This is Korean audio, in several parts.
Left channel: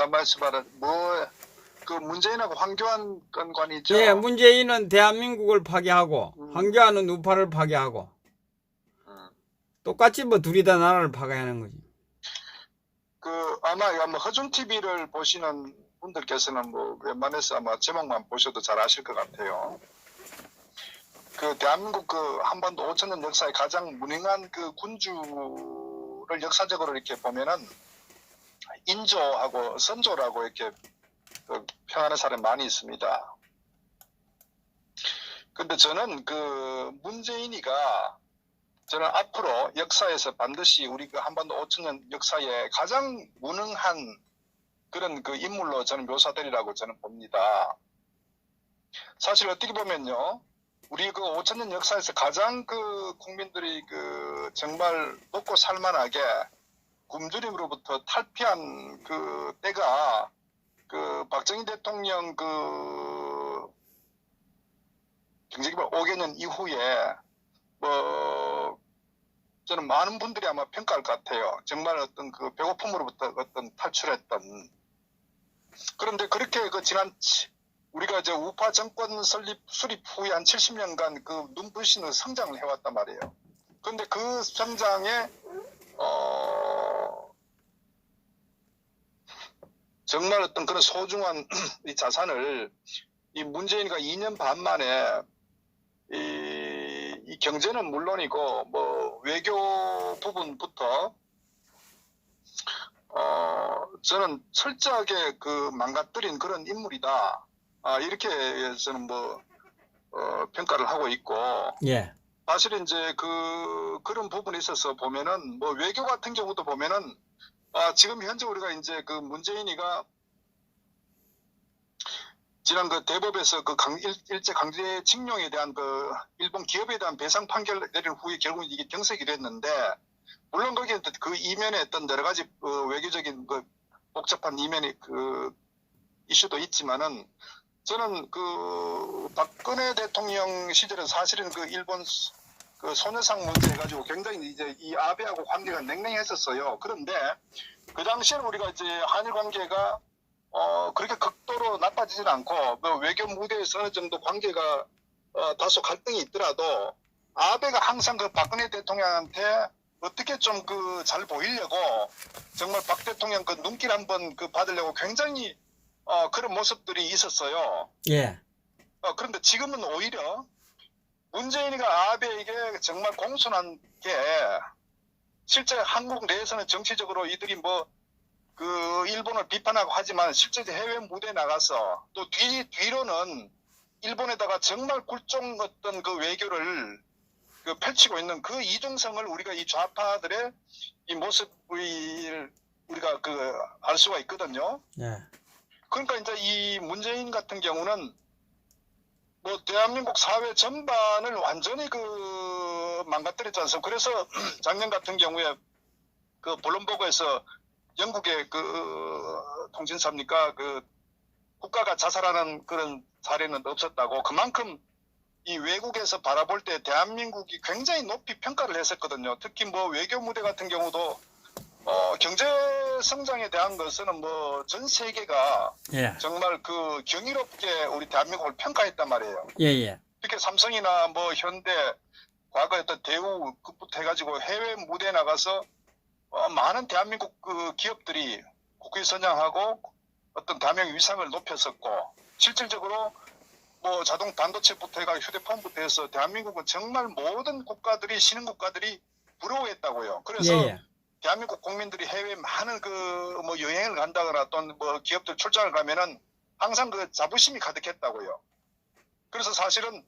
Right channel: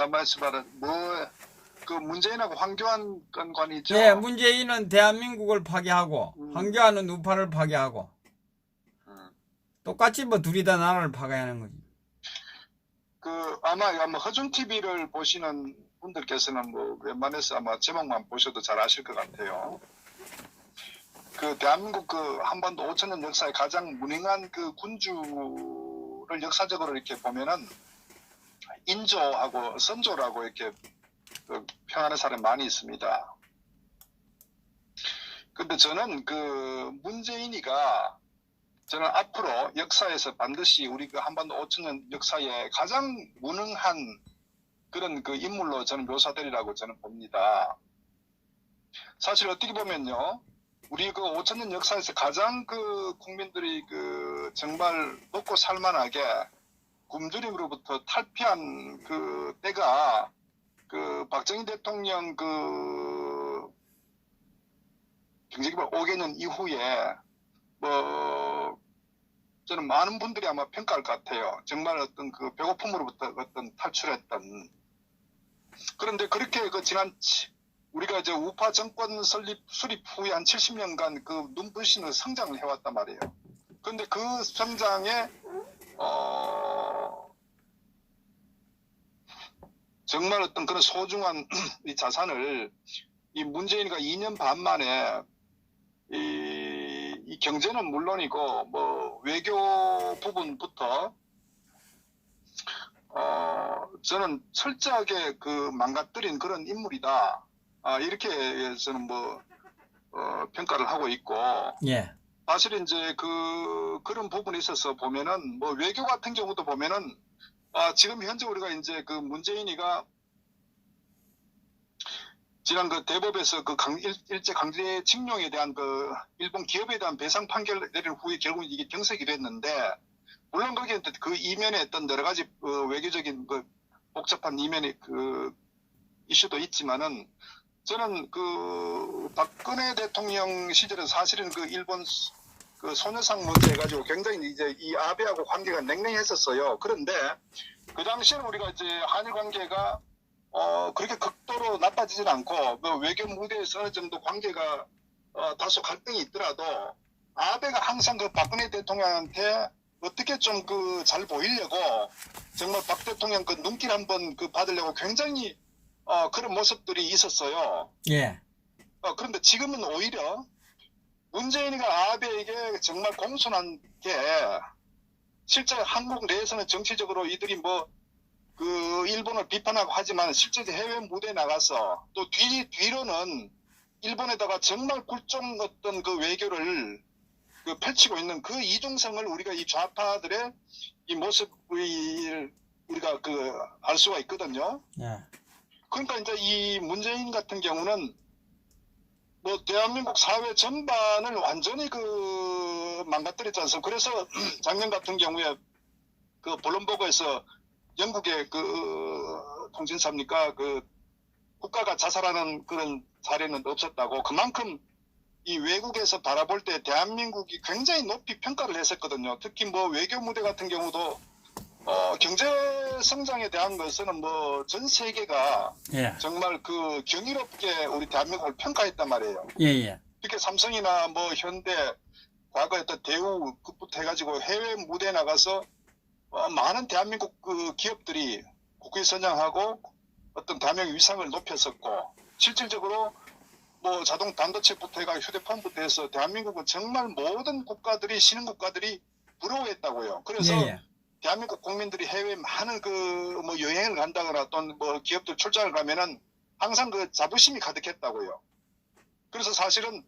가만히 있어봐라. 그 문재인하고 황교안 건관이죠? 예, 문재인은 대한민국을 파괴하고 황교안은 우파를 파괴하고 똑같이 뭐 둘이 다 나라를 파괴하는 거지. 아마 허준 TV를 보시는 분들께서는 뭐 웬만해서 아마 제목만 보셔도 잘 아실 것 같아요. 대한민국 한반도 5천년 역사의 가장 무능한 군주를 역사적으로 이렇게 보면은 인조하고 선조라고 이렇게 평하는 사람이 많이 있습니다. 근데 저는 문재인이가 저는 앞으로 역사에서 반드시 우리 한반도 5천년 역사에 가장 무능한 그런 인물로 저는 묘사되리라고 저는 봅니다. 사실 어떻게 보면요, 우리 5천년 역사에서 가장 국민들이 정말 먹고 살만하게 굶주림으로부터 탈피한 때가 박정희 대통령 경제개발 5개년 이후에 저는 많은 분들이 아마 평가할 것 같아요. 정말 어떤 배고픔으로부터 어떤 탈출했던. 그런데 그렇게 우리가 이제 우파 정권 수립 후에 한 70년간 눈부신 성장을 해왔단 말이에요. 그런데 그 성장에 정말 어떤 그런 소중한 이 자산을 이 문재인이가 2년 반 만에 이 경제는 물론이고 외교 부분부터 저는 철저하게 망가뜨린 그런 인물이다. 이렇게 저는 평가를 하고 있고. 예. 사실은 이제 그런 부분에 있어서 보면은 외교 같은 경우도 보면은 지금 현재 우리가 이제 문재인이가 지난 대법에서 일제 강제 징용에 대한 일본 기업에 대한 배상 판결 내린 후에 결국 이게 경색이 됐는데, 물론 거기에 이면에 어떤 여러 가지 외교적인 복잡한 이면의 이슈도 있지만은, 저는 박근혜 대통령 시절에 사실은 일본 소녀상 문제 가지고 굉장히 이제 이 아베하고 관계가 냉랭했었어요. 그런데 그 당시에는 우리가 이제 한일 관계가 그렇게 극도로 나빠지진 않고 외교 무대에서 어느 정도 관계가 다소 갈등이 있더라도 아베가 항상 박근혜 대통령한테 어떻게 좀 잘 보이려고 정말 박 대통령 눈길 한번 받으려고 굉장히 그런 모습들이 있었어요. 예. 그런데 지금은 오히려 문재인이가 아베에게 정말 공손한 게, 실제 한국 내에서는 정치적으로 이들이 일본을 비판하고 하지만 실제 해외 무대에 나가서 또 뒤로는 일본에다가 정말 굴종 어떤 외교를 펼치고 있는 이중성을 우리가 이 좌파들의 이 모습을 우리가 알 수가 있거든요. 예. 그러니까 이제 이 문재인 같은 경우는 대한민국 사회 전반을 완전히 망가뜨렸지 않습니까? 그래서 작년 같은 경우에 블룸버그에서 영국의 통신사입니까? 국가가 자살하는 그런 사례는 없었다고. 그만큼 이 외국에서 바라볼 때 대한민국이 굉장히 높이 평가를 했었거든요. 특히 외교 무대 같은 경우도 경제 성장에 대한 것은 전 세계가 예. 정말 경이롭게 우리 대한민국을 평가했단 말이에요. 예. 특히 삼성이나 현대, 과거에 어떤 대우 그부터 해가지고 해외 무대에 나가서 많은 대한민국 기업들이 국위 선양하고 어떤 대한민국 위상을 높였었고, 실질적으로 자동 반도체부터 해가 휴대폰부터 해서 대한민국은 정말 모든 국가들이 신흥국가들이 부러워했다고요. 그래서 예. 대한민국 국민들이 해외에 많은 여행을 간다거나 또는 기업들 출장을 가면은 항상 자부심이 가득했다고요. 그래서 사실은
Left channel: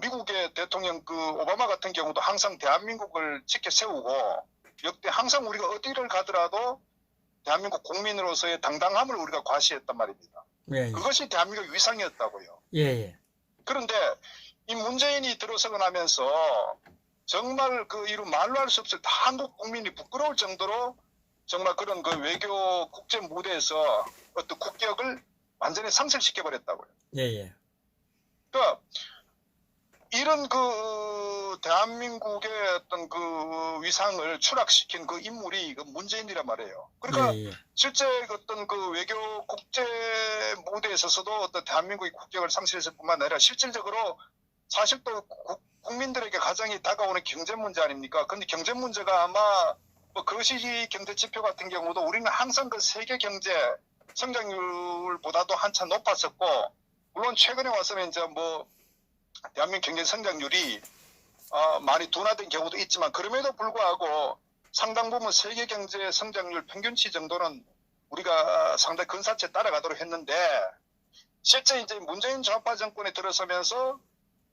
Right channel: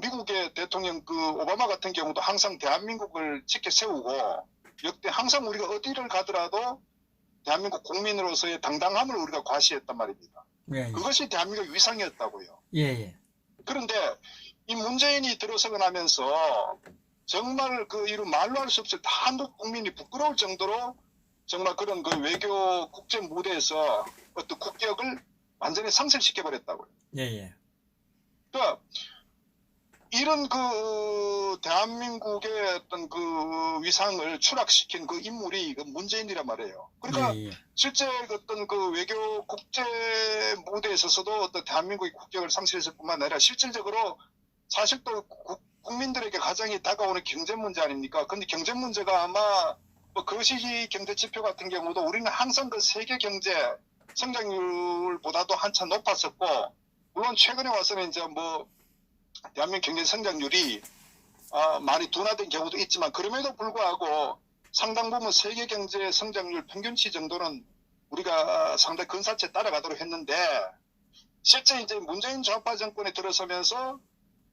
미국의 대통령 오바마 같은 경우도 항상 대한민국을 지켜 세우고, 역대 항상 우리가 어디를 가더라도 대한민국 국민으로서의 당당함을 우리가 과시했단 말입니다. 예. 그것이 대한민국 위상이었다고요. 예. 그런데 이 문재인이 들어서고 나면서 정말 이루 말로 할 수 없을 한국 국민이 부끄러울 정도로 정말 그런 외교 국제 무대에서 어떤 국격을 완전히 상실시켜 버렸다고요. 예. 그러니까 이런 대한민국의 어떤 위상을 추락시킨 그 인물이 문재인이란 말이에요. 그러니까 예, 예. 실제 어떤 외교 국제 무대에 있어서도 어떤 대한민국의 국격을 상실했을 뿐만 아니라 실질적으로 사실 또 국민들에게 가장 다가오는 경제 문제 아닙니까? 근데 경제 문제가 아마 거시 경제 지표 같은 경우도 우리는 항상 세계 경제 성장률보다도 한참 높았었고, 물론 최근에 와서는 이제 대한민국 경제 성장률이 많이 둔화된 경우도 있지만, 그럼에도 불구하고 상당 부분 세계 경제 성장률 평균치 정도는 우리가 상당히 근사치에 따라가도록 했는데, 실제 이제 문재인 좌파 정권에 들어서면서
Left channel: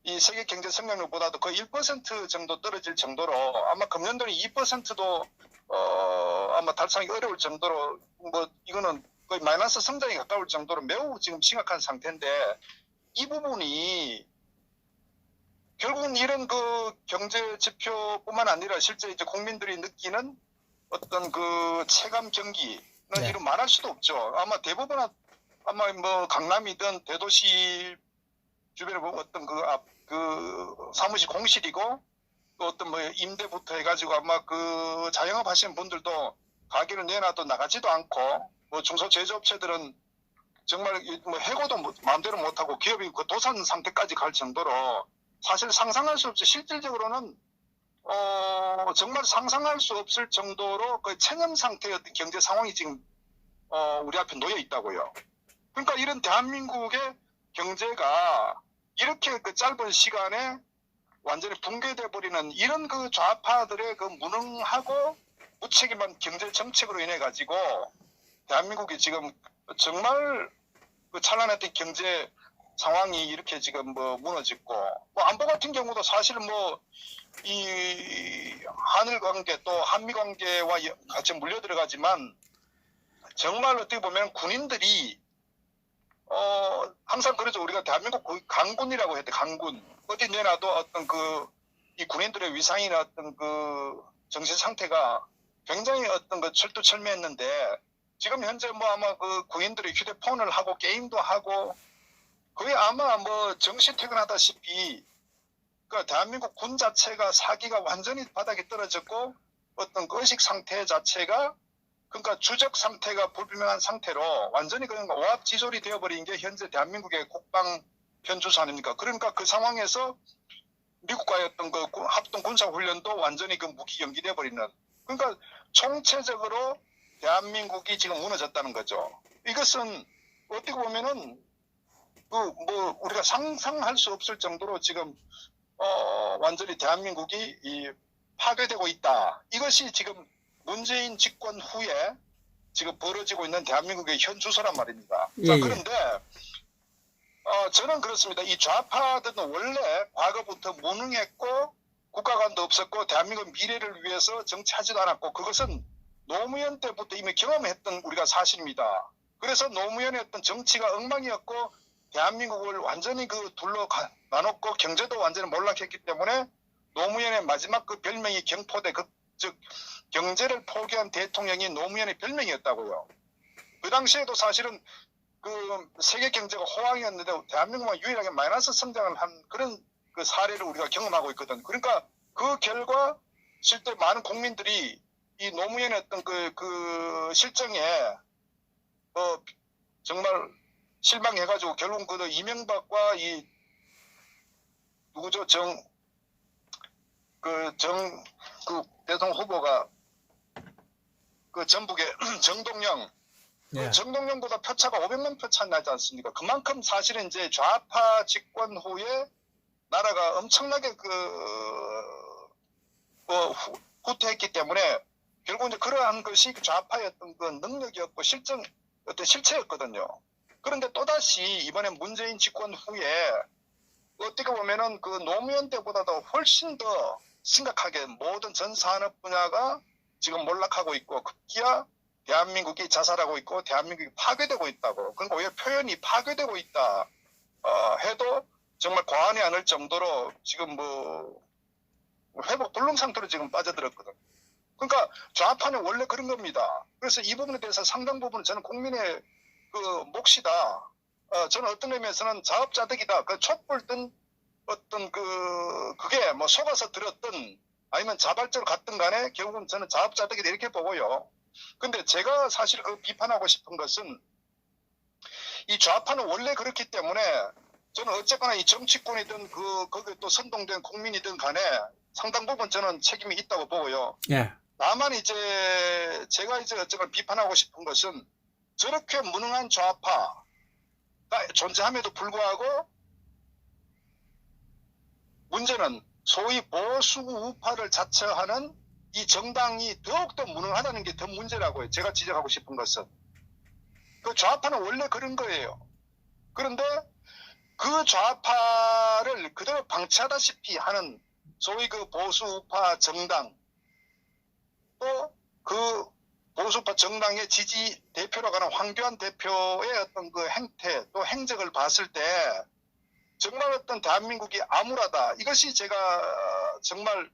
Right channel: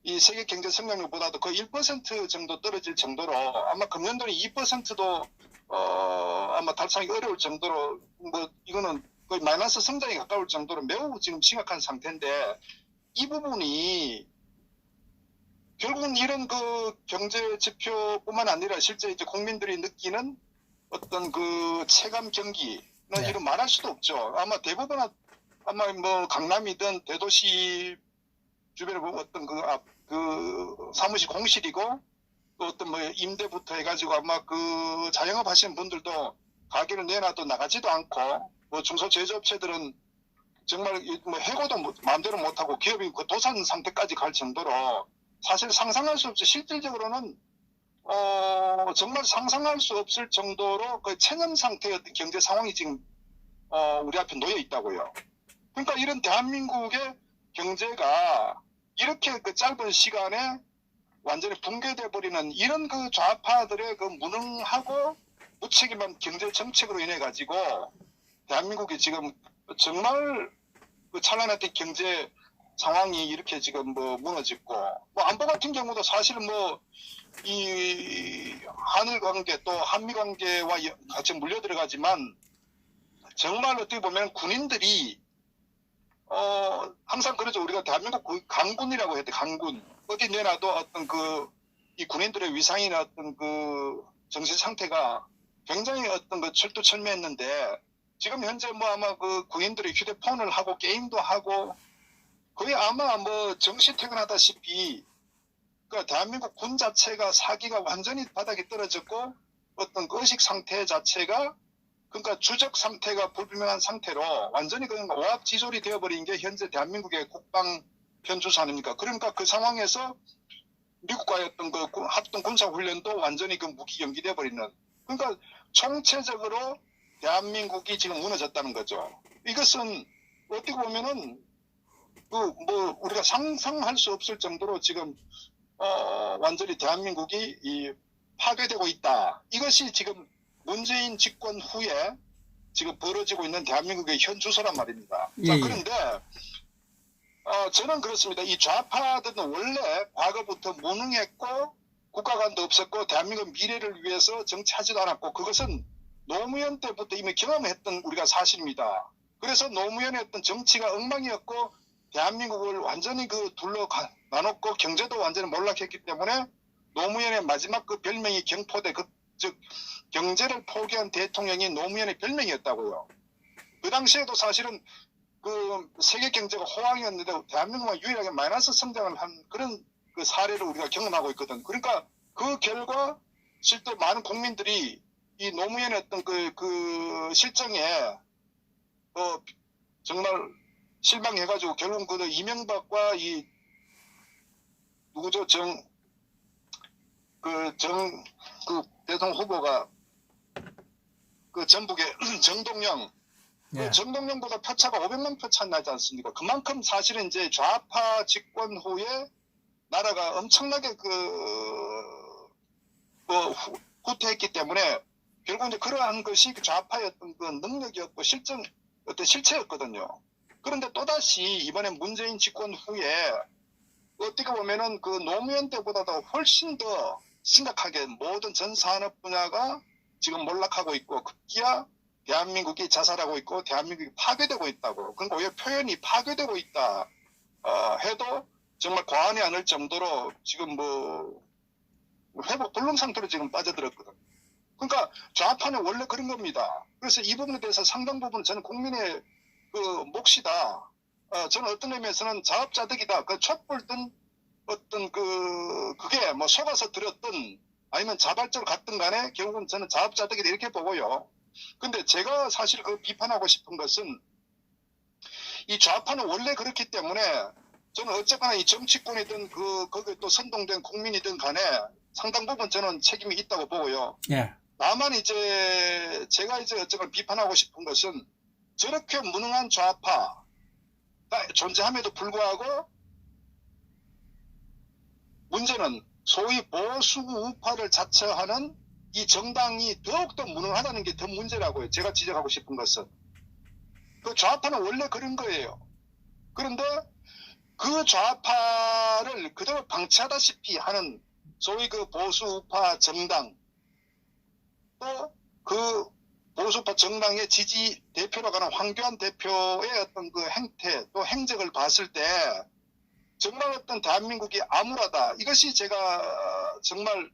이 세계 경제 성장률보다도 거의 1% 정도 떨어질 정도로, 아마 금년도는 2%도 아마 달성하기 어려울 정도로, 이거는 거의 마이너스 성장에 가까울 정도로 매우 지금 심각한 상태인데, 이 부분이 결국은 이런 경제 지표뿐만 아니라 실제 이제 국민들이 느끼는 어떤 체감 경기는 네. 이런 말할 수도 없죠. 아마 대부분 아마 강남이든 대도시 주변에 보면 어떤 사무실 공실이고, 또 어떤 임대부터 해가지고 아마 자영업 하시는 분들도 가게를 내놔도 나가지도 않고, 중소제조업체들은 정말 해고도 마음대로 못하고 기업이 도산 상태까지 갈 정도로, 사실 상상할 수 없이 실질적으로는 정말 상상할 수 없을 정도로 체념 상태의 어떤 경제 상황이 지금 우리 앞에 놓여 있다고요. 그러니까 이런 대한민국의 경제가 이렇게 짧은 시간에 완전히 붕괴돼 버리는 이런 좌파들의 무능하고 무책임한 경제 정책으로 인해 가지고 대한민국이 지금 정말 찬란했던 경제 상황이 이렇게 지금 무너졌고, 안보 같은 경우도 사실은 이 한일 관계 또 한미 관계와 같이 물려 들어가지만, 정말 어떻게 보면 군인들이 항상 그러죠. 우리가 대한민국 강군이라고 해도 강군, 어디 내놔도 어떤 이 군인들의 위상이나 어떤 정신 상태가 굉장히 어떤 철두철미했는데, 지금 현재 아마 군인들이 휴대폰을 하고 게임도 하고 거의 아마 정시 퇴근하다시피 대한민국 군 자체가 사기가 완전히 바닥에 떨어졌고, 어떤 의식 상태 자체가 그러니까 주적 상태가 불분명한 상태로 완전히 그냥 오합지졸이 되어버린 게 현재 대한민국의 국방 현주소 아닙니까? 그러니까 그 상황에서 미국과의 어떤 합동 군사 훈련도 완전히 무기 연기돼 버리는, 그러니까 총체적으로 대한민국이 지금 무너졌다는 거죠. 이것은 어떻게 보면은 우리가 상상할 수 없을 정도로 지금 완전히 대한민국이 파괴되고 있다. 이것이 지금 문재인 집권 후에 지금 벌어지고 있는 대한민국의 현 주소란 말입니다. 예, 자, 예. 그런데 저는 그렇습니다. 이 좌파들은 원래 과거부터 무능했고 국가관도 없었고 대한민국 미래를 위해서 정치하지도 않았고, 그것은 노무현 때부터 이미 경험했던 우리가 사실입니다. 그래서 노무현의 어떤 정치가 엉망이었고 대한민국을 완전히 둘로 나눴고 경제도 완전히 몰락했기 때문에 노무현의 마지막 별명이 경포대, 즉 경제를 포기한 대통령이 노무현의 별명이었다고요. 그 당시에도 사실은 세계 경제가 호황이었는데 대한민국만 유일하게 마이너스 성장을 한 그런 사례를 우리가 경험하고 있거든. 그러니까 그 결과 실제 많은 국민들이 이 노무현의 어떤 실정에 정말 실망해가지고 결국 이명박과 이 누구죠 대통령 후보가 전북의 정동영, 네. 정동영보다 표차가 500만 표 차이 나지 않습니까? 그만큼 사실은 이제 좌파 집권 후에 나라가 엄청나게 후퇴했기 때문에 결국 이제 그러한 것이 좌파의 어떤 능력이었고 어떤 실체였거든요. 그런데 또다시 이번에 문재인 집권 후에 어떻게 보면은 노무현 때보다도 훨씬 더 심각하게 모든 전 산업 분야가 지금 몰락하고 있고, 급기야 대한민국이 자살하고 있고 대한민국이 파괴되고 있다고. 그러니까 왜 표현이 파괴되고 있다 해도 정말 과언이 아닐 정도로 지금 회복 불능 상태로 지금 빠져들었거든. 그러니까 좌파는 원래 그런 겁니다. 그래서 이 부분에 대해서 상당 부분 저는 국민의 몫이다. 저는 어떤 의미에서는 자업자득이다. 촛불 든 어떤 그게 뭐 속아서 들었든 아니면 자발적으로 갔든 간에 결국은 저는 자업자득이다 이렇게 보고요. 근데 제가 사실 비판하고 싶은 것은 이 좌파는 원래 그렇기 때문에 저는 어쨌거나 이 정치권이든 거기에 또 선동된 국민이든 간에 상당 부분 저는 책임이 있다고 보고요. 예. 다만 이제 제가 이제 어쨌거나 비판하고 싶은 것은 저렇게 무능한 좌파가 존재함에도 불구하고 문제는 소위 보수 우파를 자처하는 이 정당이 더욱더 무능하다는 게 더 문제라고요. 제가 지적하고 싶은 것은. 그 좌파는 원래 그런 거예요. 그런데 그 좌파를 그대로 방치하다시피 하는 소위 그 보수 우파 정당 또 그 보수 우파 정당의 지지 대표로 가는 황교안 대표의 어떤 그 행태 또 행적을 봤을 때 정말 어떤 대한민국이 암울하다. 이것이 제가 정말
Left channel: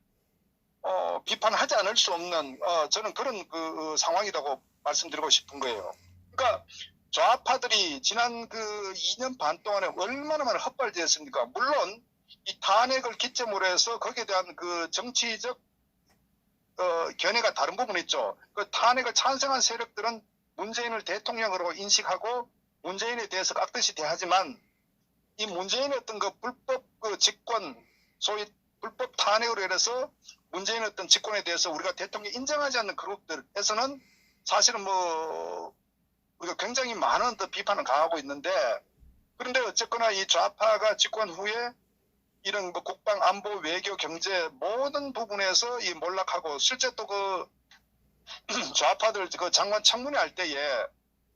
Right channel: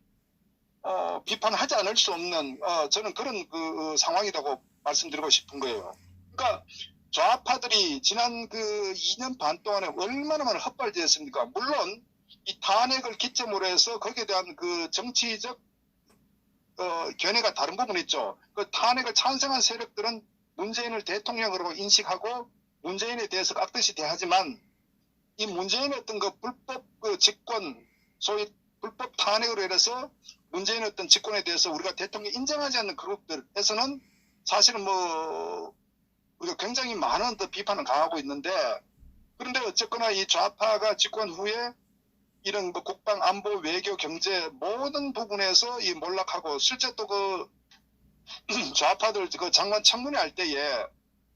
비판하지 않을 수 없는 저는 그런 그 상황이라고 말씀드리고 싶은 거예요. 그러니까 좌파들이 지난 그 2년 반 동안에 얼마나 많은 헛발질했습니까? 물론 이 탄핵을 기점으로 해서 거기에 대한 그 정치적 견해가 다른 부분이 있죠. 그 탄핵을 찬성한 세력들은 문재인을 대통령으로 인식하고 문재인에 대해서 깍듯이 대하지만 이 문재인의 어떤 그 불법 그 직권, 소위 불법 탄핵으로 인해서 문재인의 어떤 직권에 대해서 우리가 대통령 인정하지 않는 그룹들에서는 사실은 뭐 우리가 굉장히 많은 더 비판을 강하고 있는데 그런데 어쨌거나 이 좌파가 집권 후에 이런 뭐 국방, 안보, 외교, 경제 모든 부분에서 이 몰락하고 실제 또 그 좌파들 그 장관 청문회 할 때에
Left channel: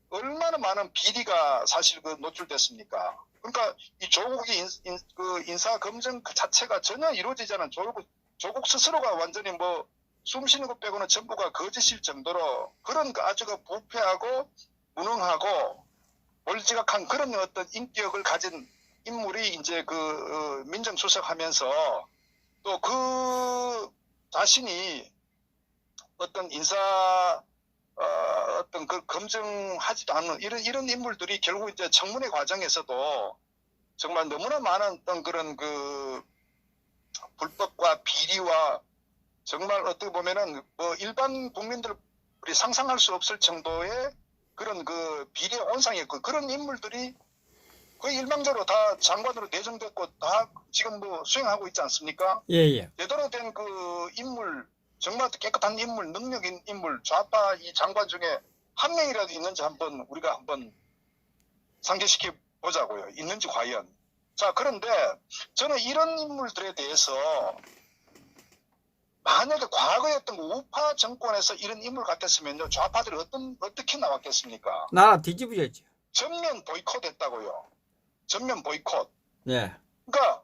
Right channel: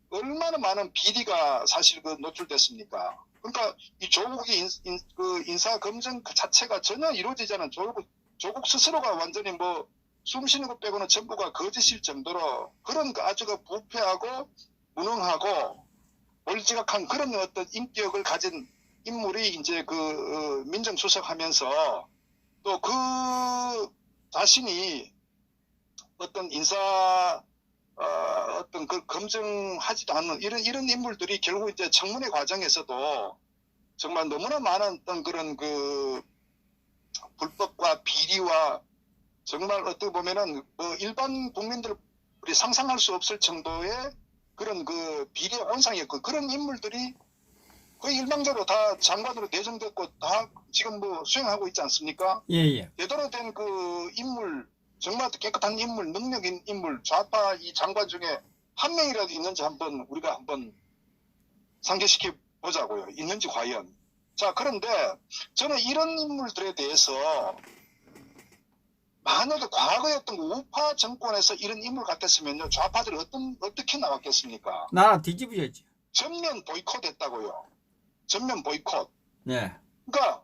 얼마나 많은 비리가 사실 그 노출됐습니까? 그러니까 이 조국이 그 인사 검증 그 자체가 전혀 이루어지지 않은 조국 스스로가 완전히 뭐 숨쉬는 것 빼고는 전부가 거짓일 정도로 그런 그 아주 그 부패하고 무능하고 몰지각한 그런 어떤 인격을 가진 인물이 이제 그 민정수석하면서 또 그 자신이 어떤 인사 어떤 그 검증하지도 않는 이런 인물들이 결국 이제 청문회 과정에서도 정말 너무나 많은 어떤 그런 그 불법과 비리와 정말 어떻게 보면은 뭐 일반 국민들이 상상할 수 없을 정도의 그런 그 비리의 온상이었고 그런 인물들이 거의 일방적으로 다 장관으로 내정됐고 다 지금 뭐 수행하고 있지 않습니까? 예. 제대로 된 그 인물 정말 깨끗한 인물, 능력인 인물, 좌파 이 장관 중에 한 명이라도 있는지 우리가 한번 상기시켜 보자고요. 있는지 과연. 자, 그런데 저는 이런 인물들에 대해서 만약에 과거에 어떤 우파 정권에서 이런 인물 같았으면요. 좌파들이 어떻게 나왔겠습니까? 나라 뒤집어졌지. 전면 보이콧 했다고요. 전면 보이콧. 네. 그러니까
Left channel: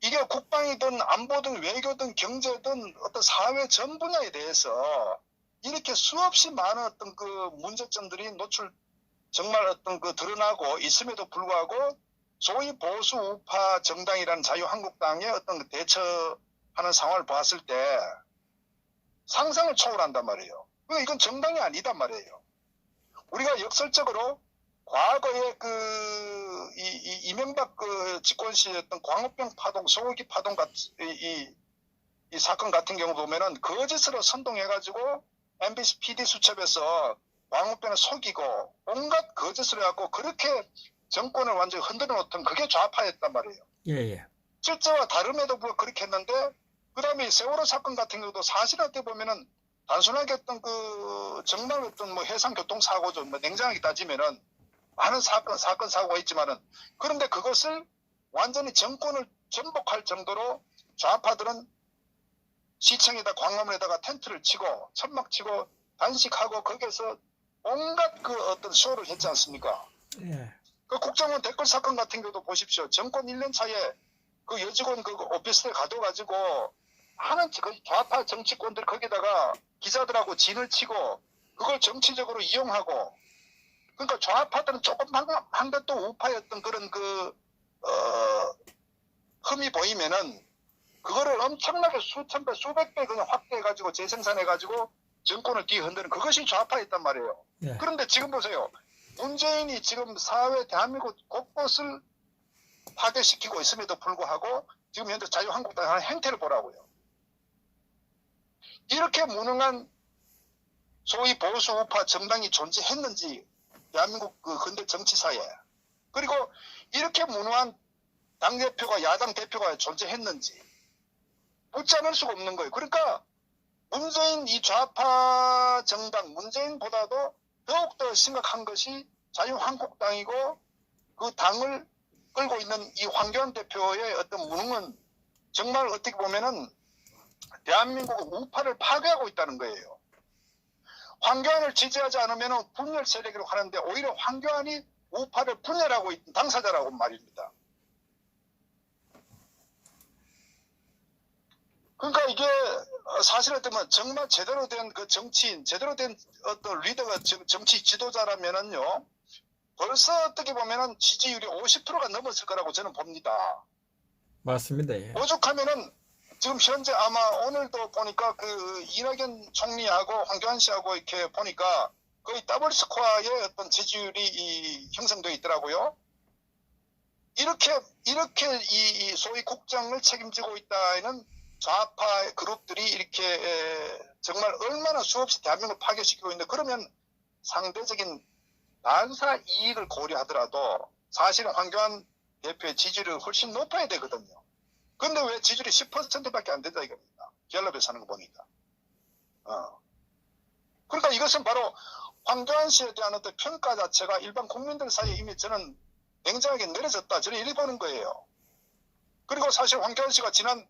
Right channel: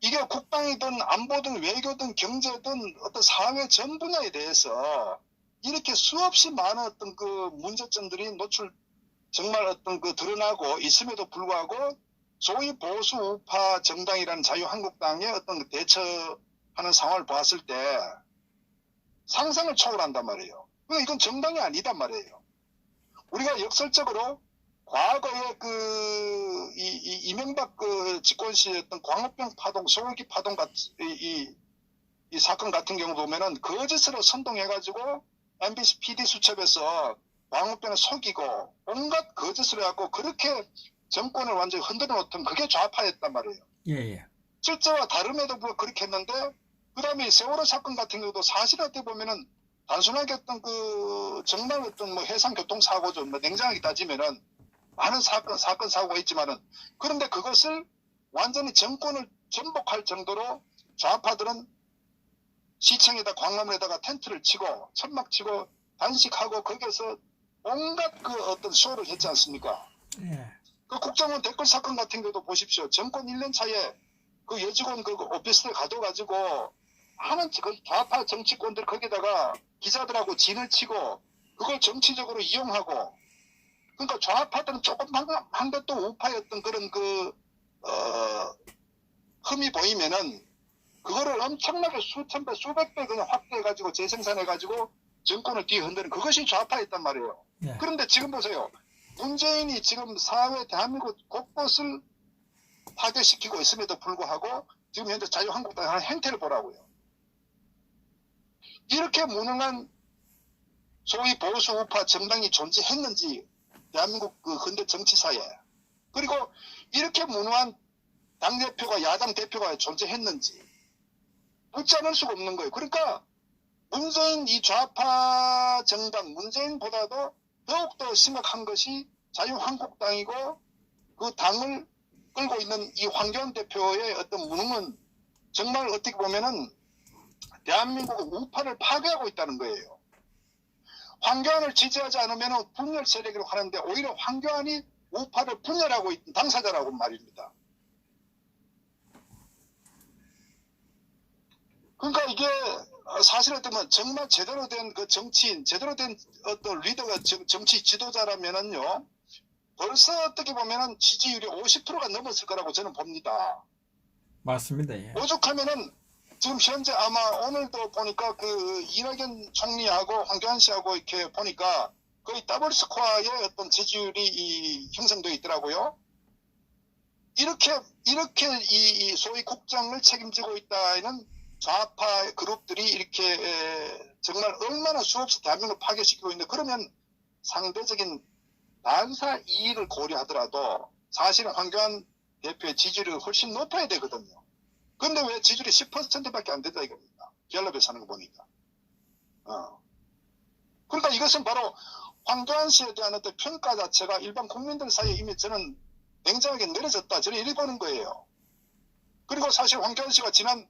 이게 국방이든 안보든 외교든 경제든 어떤 사회 전 분야에 대해서 이렇게 수없이 많은 어떤 그 문제점들이 정말 어떤 그 드러나고 있음에도 불구하고 소위 보수 우파 정당이라는 자유한국당의 어떤 그 대처하는 상황을 봤을 때 상상을 초월한단 말이에요. 그러니까 이건 정당이 아니단 말이에요. 우리가 역설적으로 과거에 이명박 그 집권 시였던 광우병 파동, 소고기 파동 이 사건 같은 경우 보면은 거짓으로 선동해가지고 MBC PD 수첩에서 광우병을 속이고 온갖 거짓을 해갖고 그렇게 정권을 완전히 흔들어 놓던 그게 좌파였단 말이에요. 예. 실제와 다름에도 불구하고 그렇게 했는데 그 다음에 세월호 사건 같은 경우도 사실 어떻게 보면은 단순하게 어떤 그 정말 어떤 뭐 해상 교통사고죠. 뭐 냉정하게 따지면은 많은 사건 사고가 있지만은 그런데 그것을 완전히 정권을 전복할 정도로 좌파들은 시청에다 광화문에다가 텐트를 치고 천막 치고 단식하고 거기에서 온갖 그 어떤 쇼를 했지 않습니까? 예. 그 국정원 댓글 사건 같은 경우도 보십시오. 정권 1년 차에 그 여직원 그 오피스텔 가둬가지고 하는 그 좌파 정치권들 거기다가 기자들하고 진을 치고 그걸 정치적으로 이용하고 그러니까 좌파들은 조금 한 것도 우파였던 그런 흠이 보이면은 그거를 엄청나게 수천 배, 수백 배 그냥 확대해가지고 재생산해가지고 정권을 뒤흔드는 그것이 좌파였단 말이에요. 예. 그런데 지금 보세요. 문재인이 지금 사회 대한민국 곳곳을 파괴시키고 있음에도 불구하고 지금 현재 자유한국당의 하는 행태를 보라고요. 이렇게 무능한 소위 보수 우파 정당이 존재했는지 대한민국 그 근대 정치사에, 그리고 이렇게 무능한 당대표가 야당 대표가 존재했는지 묻지 않을 수가 없는 거예요. 그러니까 문재인 이 좌파 정당 문재인보다도 더욱더 심각한 것이 자유한국당이고 그 당을 끌고 있는 이 황교안 대표의 어떤 무능은 정말 어떻게 보면은 대한민국 우파를 파괴하고 있다는 거예요. 황교안을 지지하지 않으면 분열 세력이라고 하는데 오히려 황교안이 우파를 분열하고 있는 당사자라고 말입니다. 그러니까 이게 사실 어쩌면 정말 제대로 된 그 정치인, 제대로 된 어떤 리더가 정치 지도자라면은요, 벌써 어떻게 보면은 지지율이 50%가 넘었을 거라고 저는 봅니다. 맞습니다. 예. 오죽하면은 지금 현재 아마 오늘도 보니까 그 이낙연 총리하고 황교안 씨하고 이렇게 보니까 거의 더블 스코어의 어떤 지지율이 형성되어 있더라고요. 이렇게 이 소위 국정을 책임지고 있다는 좌파 그룹들이 이렇게 정말 얼마나 수없이 대한민국을 파괴시키고 있는데, 그러면 상대적인 반사 이익을 고려하더라도 사실은 황교안 대표의 지지율이 훨씬 높아야 되거든요. 근데 왜 지지율이 10%밖에 안 된다 이겁니다. 갤럽에서 하는 거 보니까. 그러니까 이것은 바로 황교안 씨에 대한 어떤 평가 자체가 일반 국민들 사이에 이미 저는 냉정하게 내려졌다, 저는 이렇게 보는 거예요. 그리고 사실 황교안 씨가 지난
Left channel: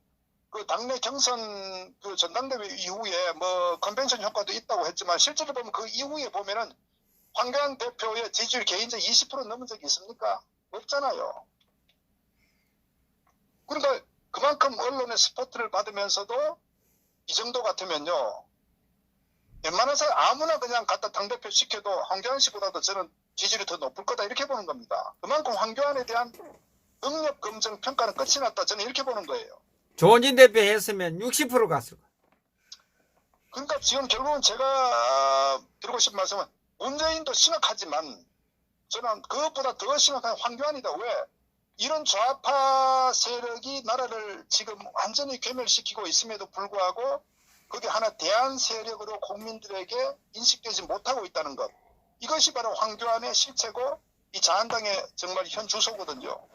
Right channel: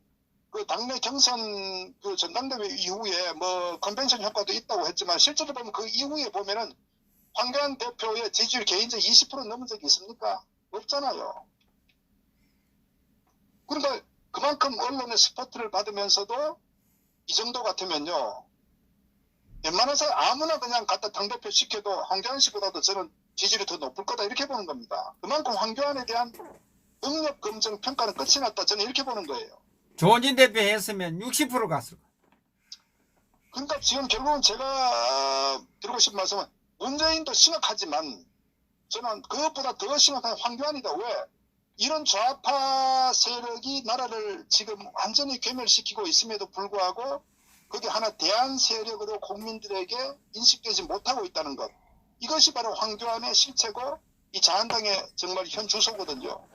그 당내 경선 그 전당대회 이후에 뭐 컨벤션 효과도 있다고 했지만 실제로 보면 그 이후에 보면은 황교안 대표의 지지율 개인적 20% 넘은 적이 있습니까? 없잖아요. 그러니까 그만큼 언론의 스포트를 받으면서도 이 정도 같으면요, 웬만해서 아무나 그냥 갖다 당대표 시켜도 황교안 씨보다도 저는 지지율이 더 높을 거다 이렇게 보는 겁니다. 그만큼 황교안에 대한 능력 검증 평가는 끝이 났다, 저는 이렇게 보는 거예요. 조원진 대표 했으면 60% 갔을 거예요. 그러니까 지금 결국은 제가 드리고 싶은 말씀은 문재인도 심각하지만 저는 그것보다 더 심각한 황교안이다. 왜? 이런 좌파 세력이 나라를 지금 완전히 괴멸시키고 있음에도 불구하고 그게 하나 대안 세력으로 국민들에게 인식되지 못하고 있다는 것. 이것이 바로 황교안의 실체고 이 자한당의 정말 현 주소거든요.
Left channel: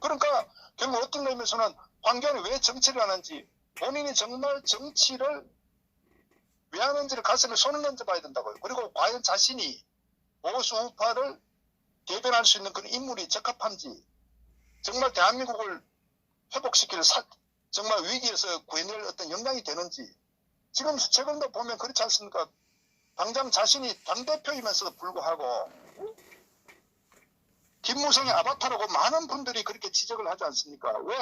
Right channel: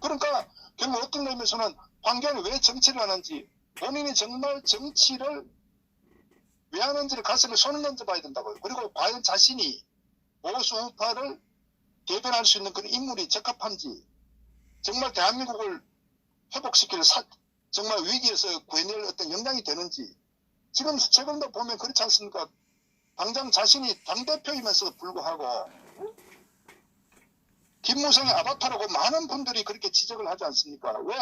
그러니까 결국 어떤 의미에서는 황교안이 왜 정치를 하는지, 본인이 정말 정치를 왜 하는지를 가슴에 손을 얹어봐야 된다고요. 그리고 과연 자신이 보수 우파를 대변할 수 있는 그런 인물이 적합한지, 정말 대한민국을 회복시킬 정말 위기에서 구해낼 어떤 역량이 되는지. 지금 최근도 보면 그렇지 않습니까? 당장 자신이 당대표이면서도 불구하고 김무성의 아바타라고 많은 분들이 그렇게 지적을 하지 않습니까? 왜?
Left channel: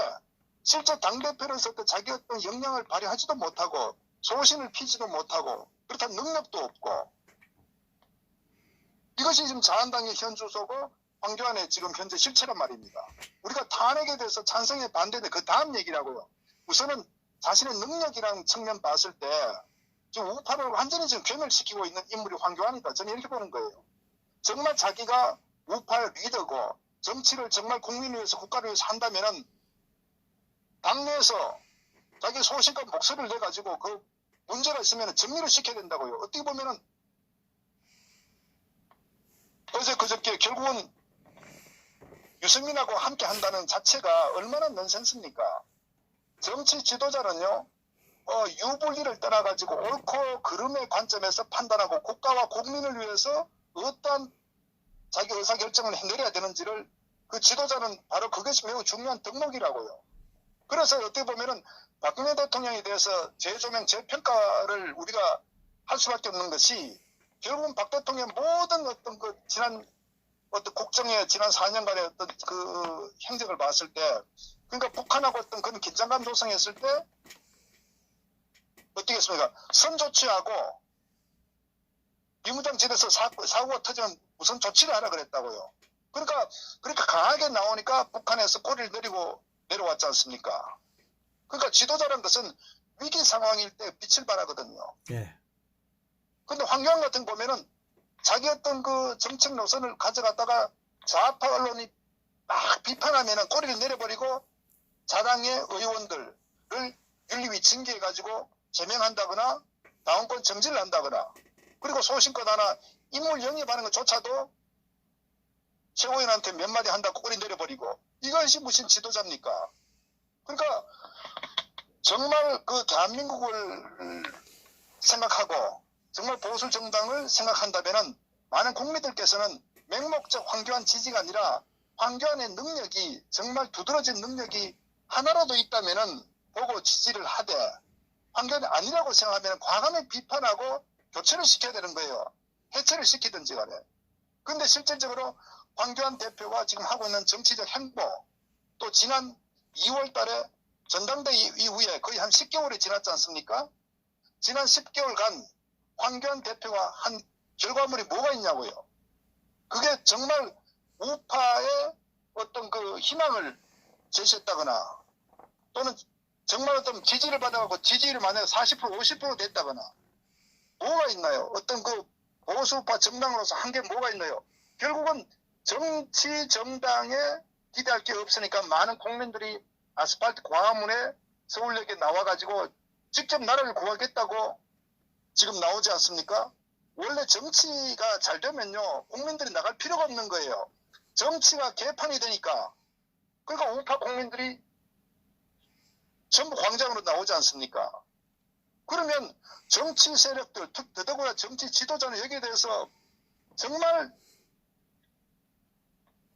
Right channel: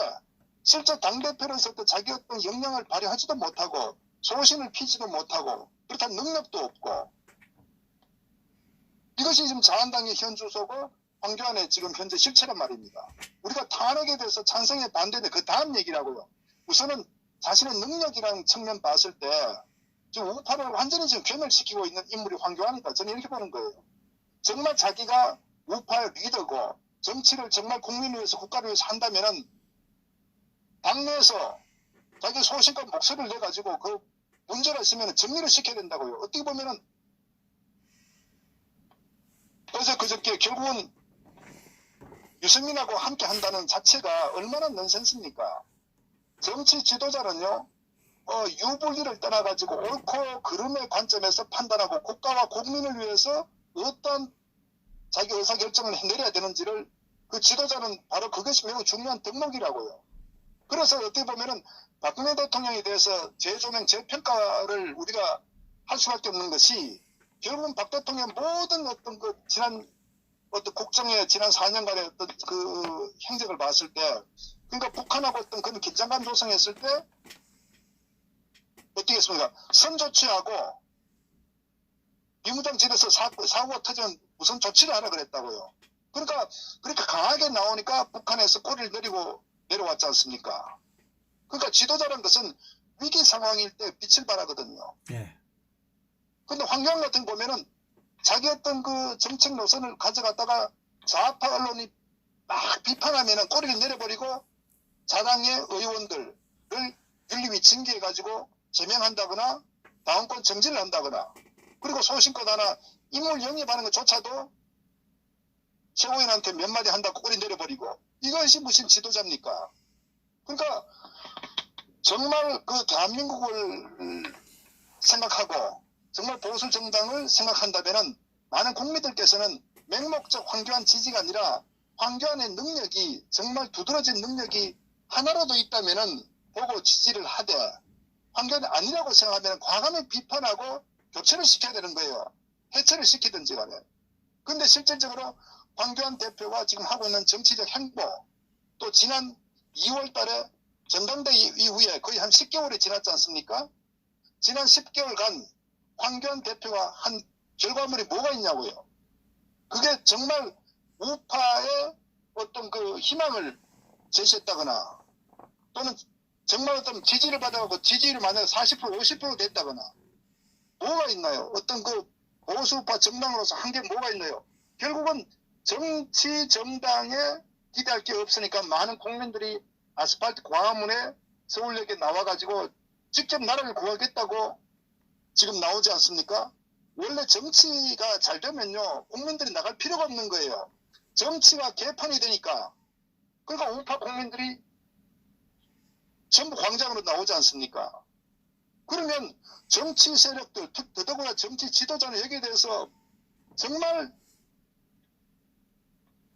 실제 당대표로서 자기 어떤 역량을 발휘하지도 못하고 소신을 피지도 못하고 그렇다는 능력도 없고, 이것이 지금 자한당의 현 주소고 황교안의 지금 현재 실체란 말입니다. 우리가 탄핵에 대해서 찬성에 반대인데 그 다음 얘기라고요. 우선은 자신의 능력이라는 측면 봤을 때 지금 우파를 완전히 지금 괴멸시키고 있는 인물이 황교안이다, 저는 이렇게 보는 거예요. 정말 자기가 우파의 리더고 정치를 정말 국민을 위해서 국가를 위해서 한다면은 당내에서 자기 소신과 목소리를 내가지고 그 문제가 있으면 정리를 시켜야 된다고요. 어떻게 보면은 그래서 그저께 결국은 유승민하고 함께 한다는 자체가 얼마나 넌센스입니까? 정치 지도자는요, 유불리를 떠나가지고 옳고 그름의 관점에서 판단하고 국가와 국민을 위해서 어떠한 자기 의사결정을 내려야 되는지를 그 지도자는 바로 그것이 매우 중요한 덕목이라고요. 그래서 어떻게 보면은 박근혜 대통령에 대해서 재조명, 재평가를 우리가 할 수밖에 없는 것이 결국은 박 대통령의 모든 어떤 그 지난 어떤 국정의 지난 4년간의 어떤 그 행적을 봤을 때, 그러니까 북한하고 어떤 그런 긴장감 조성했을 때 어떻게 했습니까? 선조치하고 비무장지대에서 사고가 터지면 우선 조치를 하라 그랬다고요. 그러니까 그렇게 강하게 나오니까 북한에서 꼬리를 내리고 내려왔지 않습니까? 그러니까 지도자라는 것은 위기 상황일 때 빛을 발하거든요. 예. 근데 황교안 같은 거 보면은 자기 어떤 그 정책 노선을 가져갔다가 좌파 언론이 막 비판하면은 꼬리를 내려버리고 자당의 의원들을 윤리위 징계해가지고 제명한다거나 당원권 정지를 한다거나 그리고 소신껏 하나 인물 영입하는 것조차도 최고위원한테 몇 마디 한다고 꼬리 내려버리고 이것이 무슨 지도자입니까? 그러니까 정말 그 대한민국을 생각하고 정말 보수 정당을 생각한다면은 많은 국민들께서는 맹목적 황교안 지지가 아니라 황교안의 능력이 정말 두드러진 능력이 하나라도 있다면은 보고 지지를 하되 황교안이 아니라고 생각하면 과감히 비판하고 교체를 시켜야 되는 거예요. 해체를 시키든지 간에. 근데 실질적으로 황교안 대표가 지금 하고 있는 정치적 행보 또 지난 2월 달에 전당대 이후에 거의 한 10개월이 지났지 않습니까? 지난 10개월간 황교안 대표가 한 결과물이 뭐가 있냐고요. 그게 정말 우파의 어떤 그 희망을 제시했다거나 또는 정말 어떤 지지를 받아가고 지지율이 만약에 40% 50% 됐다거나 뭐가 있나요? 어떤 그 보수우파 정당으로서 한 게 뭐가 있나요? 결국은 정치 정당에 기대할 게 없으니까 많은 국민들이 아스팔트 광화문에 서울역에 나와가지고 직접 나라를 구하겠다고 지금 나오지 않습니까? 원래 정치가 잘 되면요 국민들이 나갈 필요가 없는 거예요. 정치가 개판이 되니까 그러니까 우파 국민들이 전부 광장으로 나오지 않습니까? 그러면 정치 세력들 더더구나 정치 지도자는 여기에 대해서 정말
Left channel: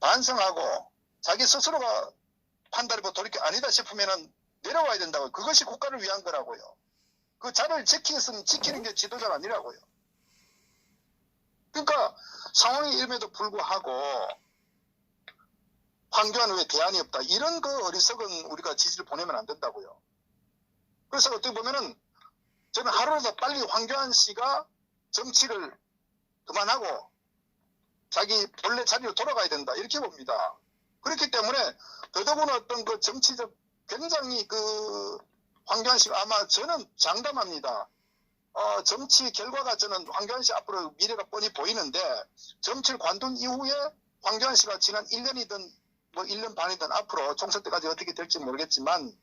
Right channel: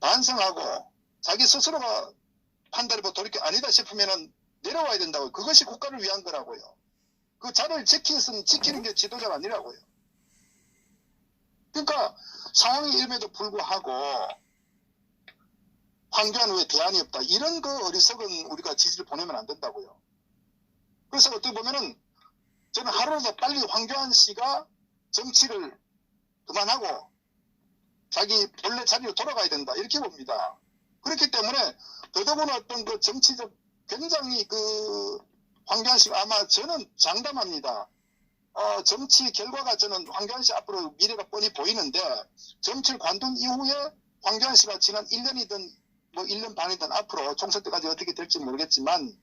반성하고 자기 스스로가 판단이 뭐 돌이켜 아니다 싶으면은 내려와야 된다고요. 그것이 국가를 위한 거라고요. 그 자리를 지키는 게 지도자가 아니라고요. 그러니까 상황이 이름에도 불구하고 황교안은 왜 대안이 없다. 이런 그 어리석은 우리가 지지를 보내면 안 된다고요. 그래서 어떻게 보면은 저는 하루라도 빨리 황교안 씨가 정치를 그만하고 자기 본래 자리로 돌아가야 된다. 이렇게 봅니다. 그렇기 때문에 더더구나 어떤 그 정치적 굉장히 그 황교안 씨가 아마 저는 장담합니다. 정치 결과가 저는 황교안 씨 앞으로 미래가 뻔히 보이는데 정치를 관둔 이후에 황교안 씨가 지난 1년이든 뭐 1년 반이든 앞으로 총선 때까지 어떻게 될지 모르겠지만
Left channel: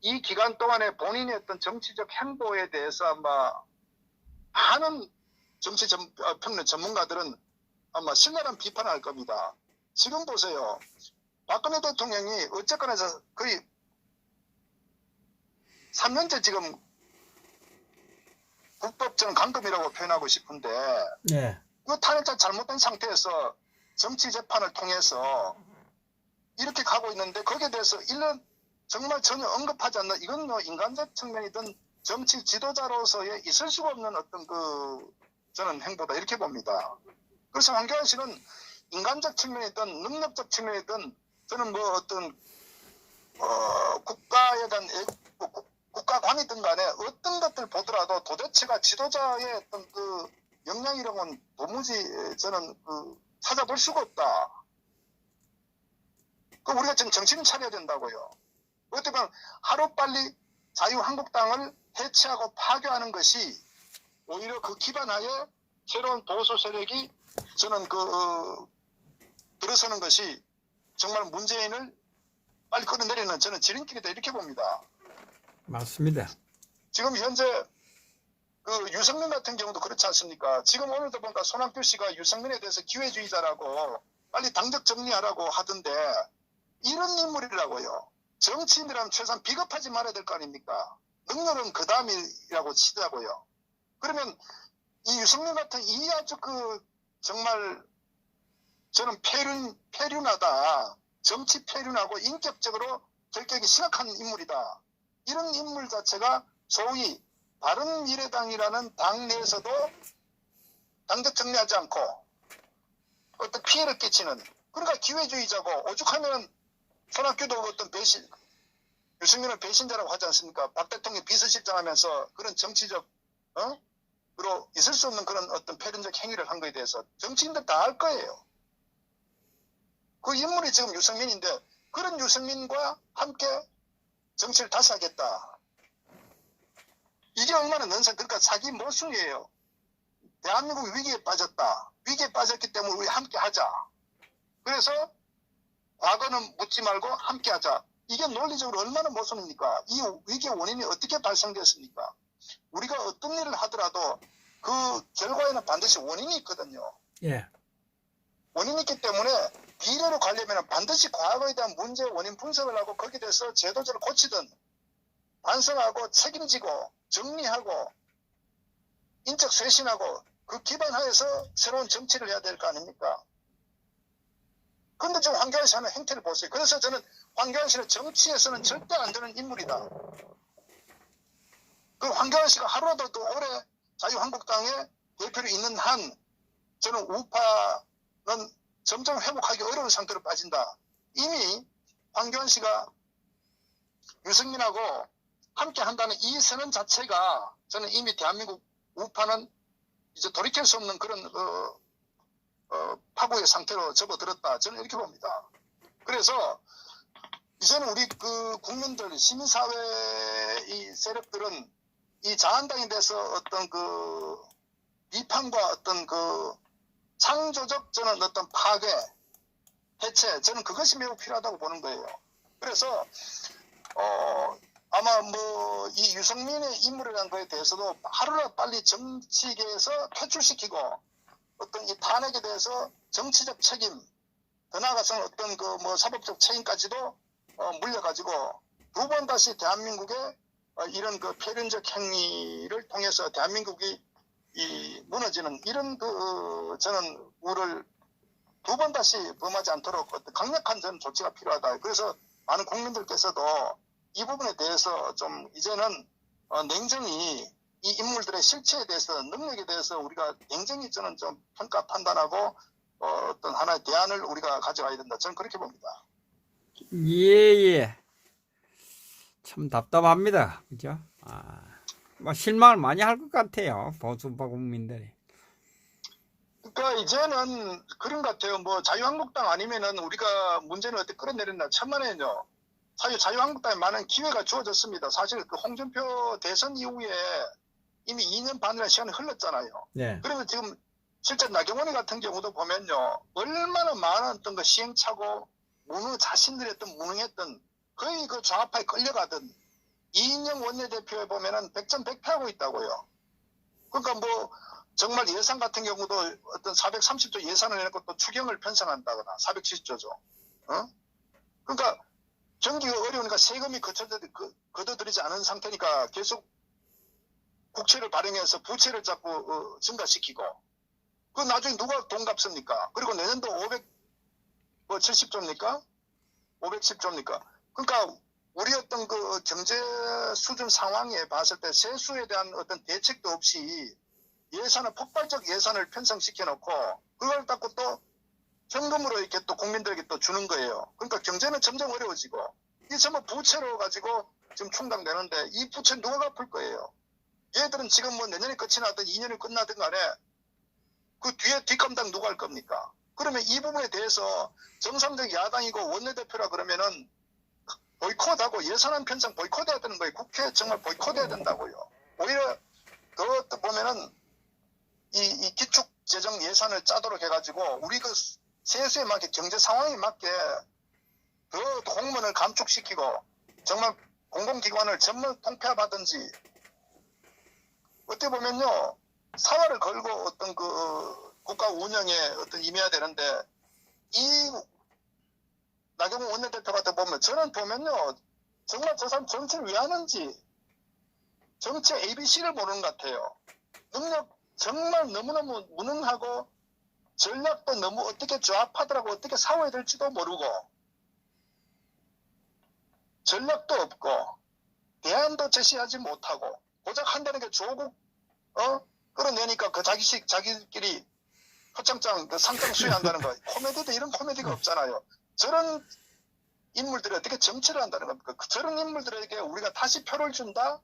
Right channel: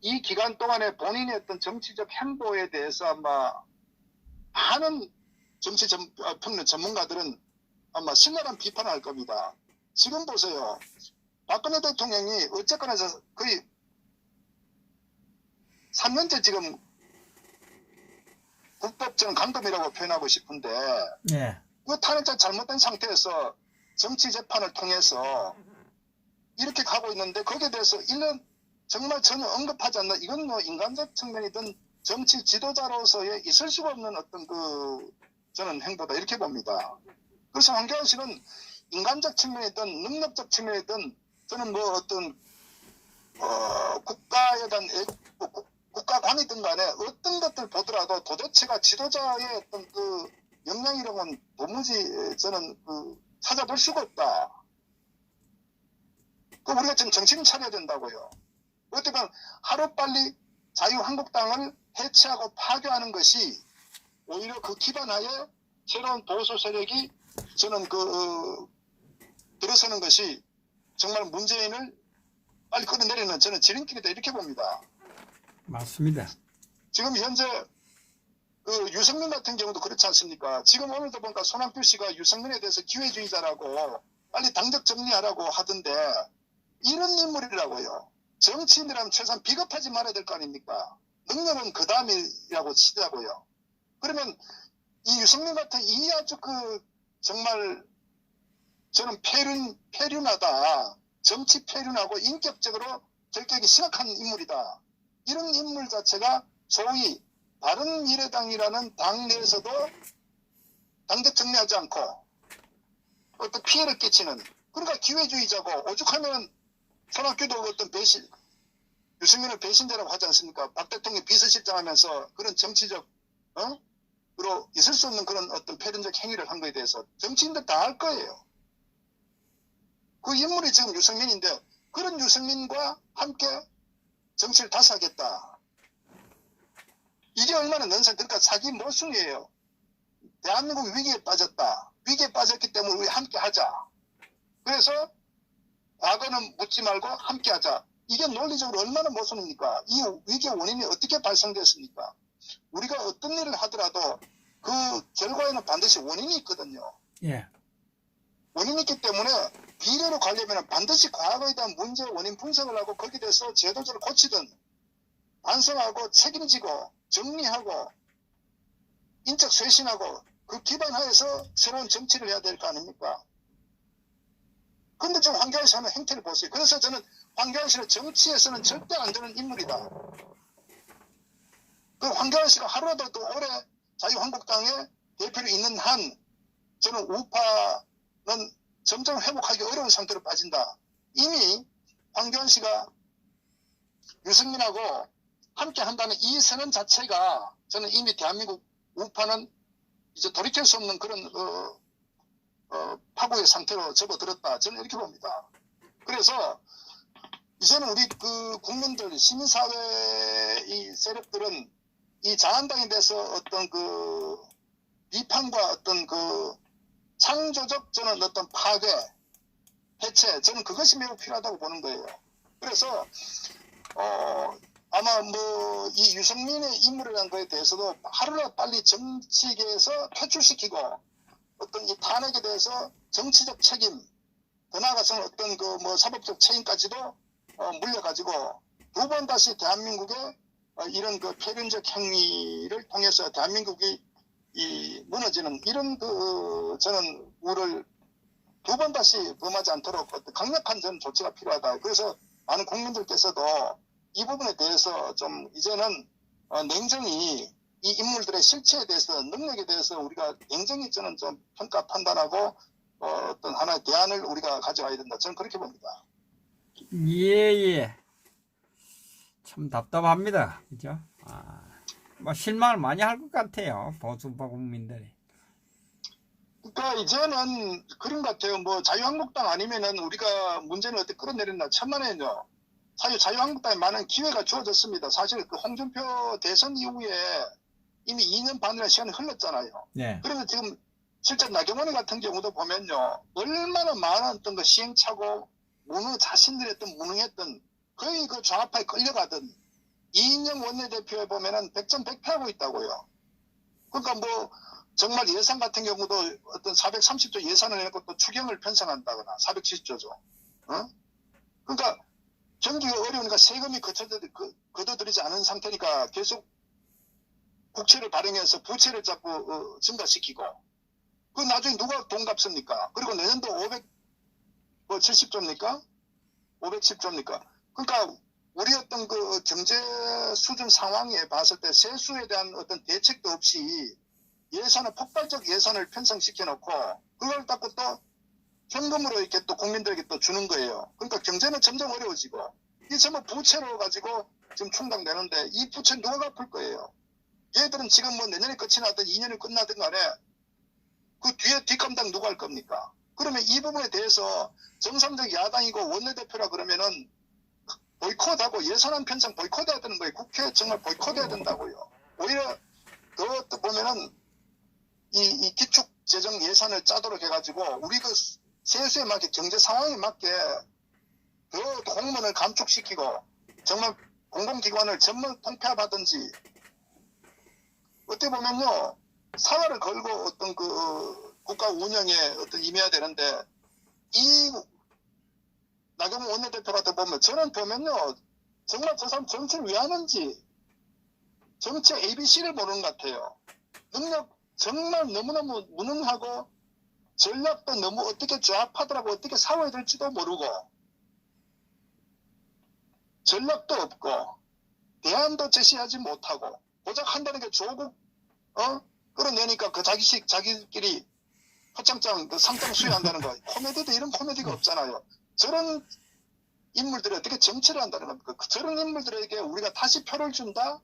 이 기간 동안에 본인의 어떤 정치적 행보에 대해서 아마 많은 정치 평론 전문가들은 아마 신랄한 비판을 할 겁니다. 지금 보세요. 박근혜 대통령이 어쨌거나 거의 3년째 지금 불법적 감금이라고 표현하고 싶은데 예. 그 탄핵자 잘못된 상태에서 정치 재판을 통해서 이렇게 가고 있는데 거기에 대해서 1년 정말 전혀 언급하지 않는 이건 뭐 인간적 측면이든 정치 지도자로서의 있을 수가 없는 어떤 그 저는 행보다 이렇게 봅니다. 그래서 황교안 씨는 인간적 측면이든 능력적 측면이든 저는 뭐 어떤 국가에 대한 국가관이든 간에 어떤 것들 보더라도 도대체가 지도자의 어떤 그 역량이라고는 도무지 저는 그 찾아볼 수가 없다. 그 우리가 지금 정신을 차려야 된다고요. 어떻게 보면 하루빨리 자유한국당을 해체하고 파괴하는 것이 오히려 그 기반하에 새로운 보수 세력이 저는 들어서는 것이 정말 문재인을 빨리 끌어내리는 저는 지름길이다 이렇게 봅니다. 맞습니다. 지금 현재 그 유승민 같은 경우도 그렇지 않습니까? 지금 오늘도 보니까 손학규 씨가 유승민에 대해서 기회주의자라고 빨리 당적 정리하라고 하던데 이런 인물이라고요. 정치인이라면 최소한 비겁하지 말아야 될 거 아닙니까? 능력은 그 다음이라고 치더라고요. 그러면 이 유승민 같은 이 아주 정말 저는 폐륜하다. 정치 폐륜하고 인격적으로 결격이 심각한 인물이다. 이런 인물 자체가 소위 바른미래당이라는 당 내에서도 당적 정리하지 않고 어떤 피해를 끼치는 그러니까 기회주의자고 오죽하면 손학규도 어떤 유승민을 배신자라고 하지 않습니까? 박 대통령이 비서실장 하면서 그런 정치적 으로 있을 수 없는 그런 어떤 폐륜적 행위를 한 거에 대해서 정치인들 다 알 거예요. 그 인물이 지금 유승민인데 그런 유승민과 함께 정치를 다시 하겠다. 이게 얼마나 넌센 그러니까 사기 모순이에요. 대한민국 위기에 빠졌다. 위기에 빠졌기 때문에 우리 함께 하자. 그래서 과거는 묻지 말고 함께하자. 이게 논리적으로 얼마나 모순입니까? 이 위기의 원인이 어떻게 발생됐습니까? 우리가 어떤 일을 하더라도 그 결과에는 반드시 원인이 있거든요. 예. 원인이 있기 때문에 미래로 가려면 반드시 과거에 대한 문제 원인 분석을 하고 거기에 대해서 제도적으로 고치든 반성하고 책임지고 정리하고 인적 쇄신하고 그 기반 하에서 새로운 정치를 해야 될 거 아닙니까? 근데 좀 황교안 씨 하는 행태를 보세요. 그래서 저는 황교안 씨는 정치에서는 절대 안 되는 인물이다. 그 황교안 씨가 하루라도 더 오래 자유한국당의 대표로 있는 한 저는 우파는 점점 회복하기 어려운 상태로 빠진다. 이미 황교안 씨가 유승민하고 함께 한다는 이 선언 자체가 저는 이미 대한민국 우파는 이제 돌이킬 수 없는 그런 파고의 상태로 접어들었다. 저는 이렇게 봅니다. 그래서 이제는 우리 그 국민들 시민사회 이 세력들은 이 자한당에 대해서 어떤 그 비판과 어떤 그 창조적 저는 어떤 파괴, 해체 저는 그것이 매우 필요하다고 보는 거예요. 그래서 아마 뭐 이 유승민의 인물이라는 거에 대해서도 하루라도 빨리 정치계에서 퇴출시키고 어떤 이 탄핵에 대해서 정치적 책임, 더 나아가서는 어떤 그 뭐 사법적 책임까지도 물려가지고 두 번 다시 대한민국의 이런 그 폐륜적 행위를 통해서 대한민국이 이 무너지는 이런 그 저는 우를 두 번 다시 범하지 않도록 어떤 강력한 저는 조치가 필요하다. 그래서 많은 국민들께서도 이 부분에 대해서 좀 이제는 냉정히 이 인물들의 실체에 대해서 능력에 대해서 우리가 냉정히 저는 좀 평가 판단하고 어떤 하나의 대안을 우리가 가져가야 된다. 저는 그렇게 봅니다. 예. 참 답답합니다. 그죠? 뭐 실망을 많이 할 것 같아요. 보수파 국민들이. 그러니까 이제는 그런 것 같아요. 뭐 자유한국당 아니면은 우리가 문제는 어떻게 끌어내렸나 천만에는요. 사실 자유한국당에 많은 기회가 주어졌습니다. 사실 그 홍준표 대선 이후에 이미 2년 반이라는 시간이 흘렀잖아요. 네. 그래서 지금 실제 나경원이 같은 경우도 보면요. 얼마나 많은 어떤 그 시행착오, 자신들의 어떤 무능했던 거의 그 좌파에 끌려가던 이인영 원내대표에 보면은 100점100패하고 있다고요. 그러니까 뭐 정말 예산 같은 경우도 어떤 430조 예산을 내고 또 추경을 편성한다거나 470조죠. 그러니까 경기가 어려우니까 세금이 거둬들이지 않은 상태니까 계속 국채를 발행해서 부채를 자꾸 증가시키고 그 나중에 누가 돈 갚습니까? 그리고 내년도 570조입니까? 510조입니까? 그러니까 우리 어떤 그 경제 수준 상황에 봤을 때 세수에 대한 어떤 대책도 없이 예산을 폭발적 예산을 편성시켜 놓고 그걸 갖고 또 현금으로 이렇게 또 국민들에게 또 주는 거예요. 그러니까 경제는 점점 어려워지고 이 전부 부채로 가지고 지금 충당되는데 이 부채 누가 갚을 거예요? 얘들은 지금 뭐 내년이 끝이 나든 2년이 끝나든 간에 그 뒤에 뒷감당 누가 할 겁니까? 그러면 이 부분에 대해서 정상적 야당이고 원내대표라 그러면은 보이콧하고 예산안 편성 보이콧해야 되는 거예요. 국회 정말 보이콧해야 된다고요. 오히려 더 보면은 이 기축 재정 예산을 짜도록 해가지고 우리 그 세수에 맞게 경제 상황에 맞게 더 공무원을 감축시키고 정말 공공기관을 전면 통폐합하든지 어떻게 보면요 사활을 걸고 어떤 그 국가 운영에 어떤 임해야 되는데 이 나경원 원내대표 같은 보면 저는 보면요 정말 저 사람 정치를 왜 하는지 정치 ABC를 모르는 것 같아요. 능력 정말 너무너무 무능하고 전략도 너무 어떻게 조합하더라고 어떻게 싸워야 될지도 모르고 전략도 없고 대안도 제시하지 못하고 고작 한다는 게 조국 끌어내니까 그 자기끼리 허창장 그 상장 수여한다는 거 코미디도 이런 코미디가 없잖아요. 저런 인물들이 어떻게 정치를 한다는 겁니까? 저런 인물들에게 우리가 다시 표를 준다?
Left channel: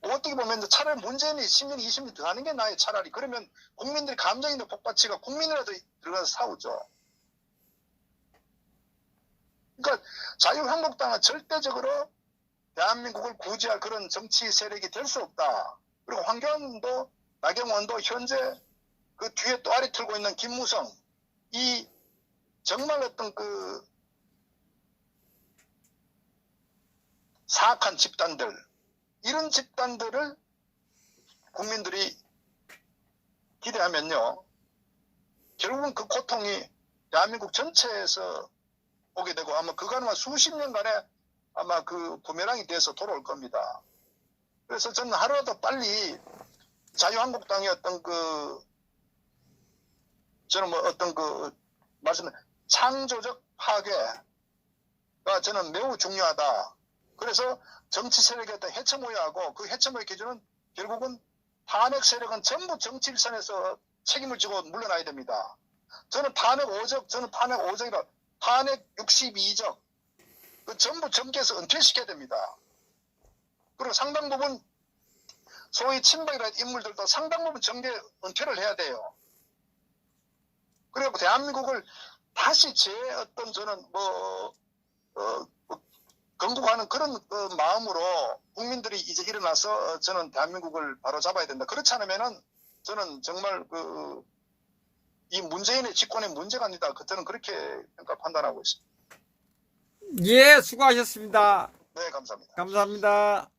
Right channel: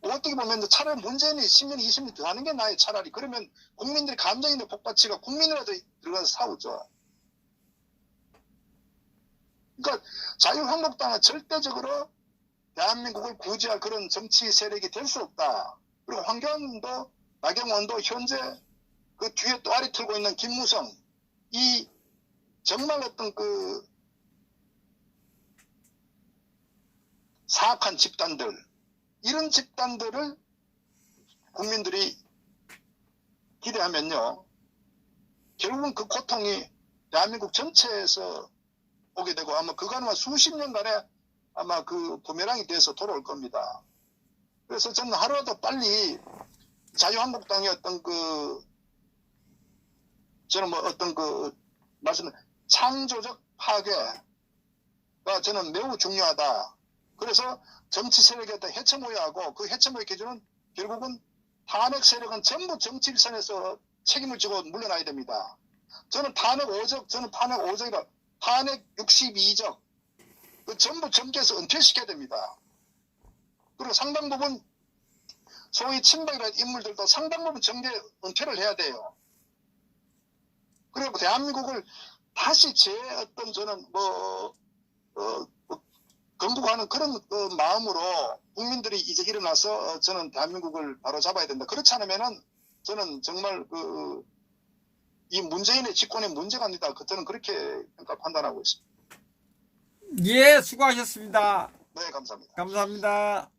어떻게 보면 차라리 문재인이 10년, 20년 더 하는 게 나아요, 차라리. 그러면 국민들이 감정이 더 복받치가 국민이라도 들어가서 싸우죠. 그러니까 자유한국당은 절대적으로 대한민국을 구제할 그런 정치 세력이 될 수 없다. 그리고 황교안도 나경원도 현재 그 뒤에 또 아리 틀고 있는 김무성 이 정말 어떤 그 사악한 집단들, 이런 집단들을 국민들이 기대하면요, 결국은 그 고통이 대한민국 전체에서 오게 되고 아마 그간만 수십 년간의 아마 그 부메랑이 돼서 돌아올 겁니다. 그래서 저는 하루라도 빨리 자유한국당의 어떤 그 저는 뭐 어떤 그 말씀 창조적 파괴가 저는 매우 중요하다. 그래서 정치 세력에 어떤 해체 모여하고 그 해체 모여 기준은 결국은 탄핵 세력은 전부 정치 일선에서 책임을 지고 물러나야 됩니다. 저는 탄핵 5적이라 탄핵 62적 그 전부 정계에서 은퇴시켜야 됩니다. 그리고 상당 부분 소위 친박이라는 인물들도 상당 부분 정계 은퇴를 해야 돼요. 그리고 대한민국을 다시 제 어떤 저는 건국하는 그런 마음으로 국민들이 이제 일어나서 저는 대한민국을 바로 잡아야 된다. 그렇지 않으면은 저는 정말 이 문재인의 집권의 문제가 아니다. 저는 그렇게 판단하고 있습니다. 예, 수고하셨습니다. 네, 감사합니다. 감사합니다.